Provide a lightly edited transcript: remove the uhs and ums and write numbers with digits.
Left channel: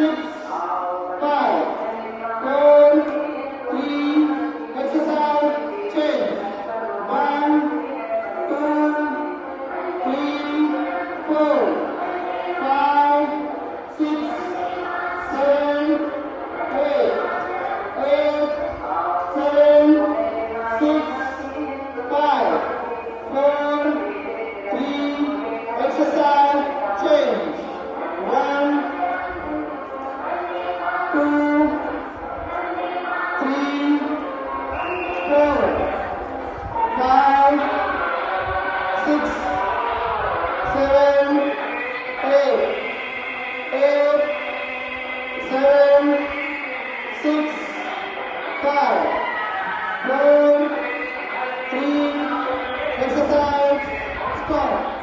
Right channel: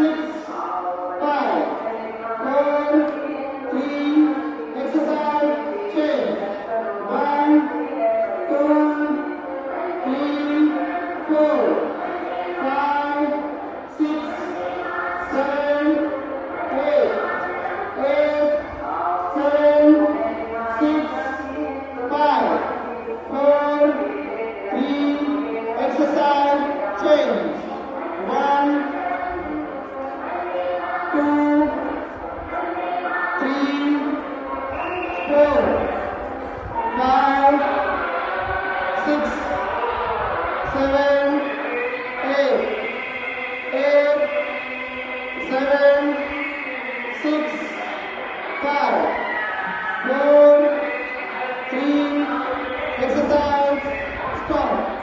6, 5, 4, 3, exercise, change. 1, 2, 3, 4, 5, 6, 7, 8, 7, 6, 5, 4, 3, exercise, change. 1, 2, 3, 4, 5, 6, 7, 8, 7, 6, 5, 4, 3, exercise, stop.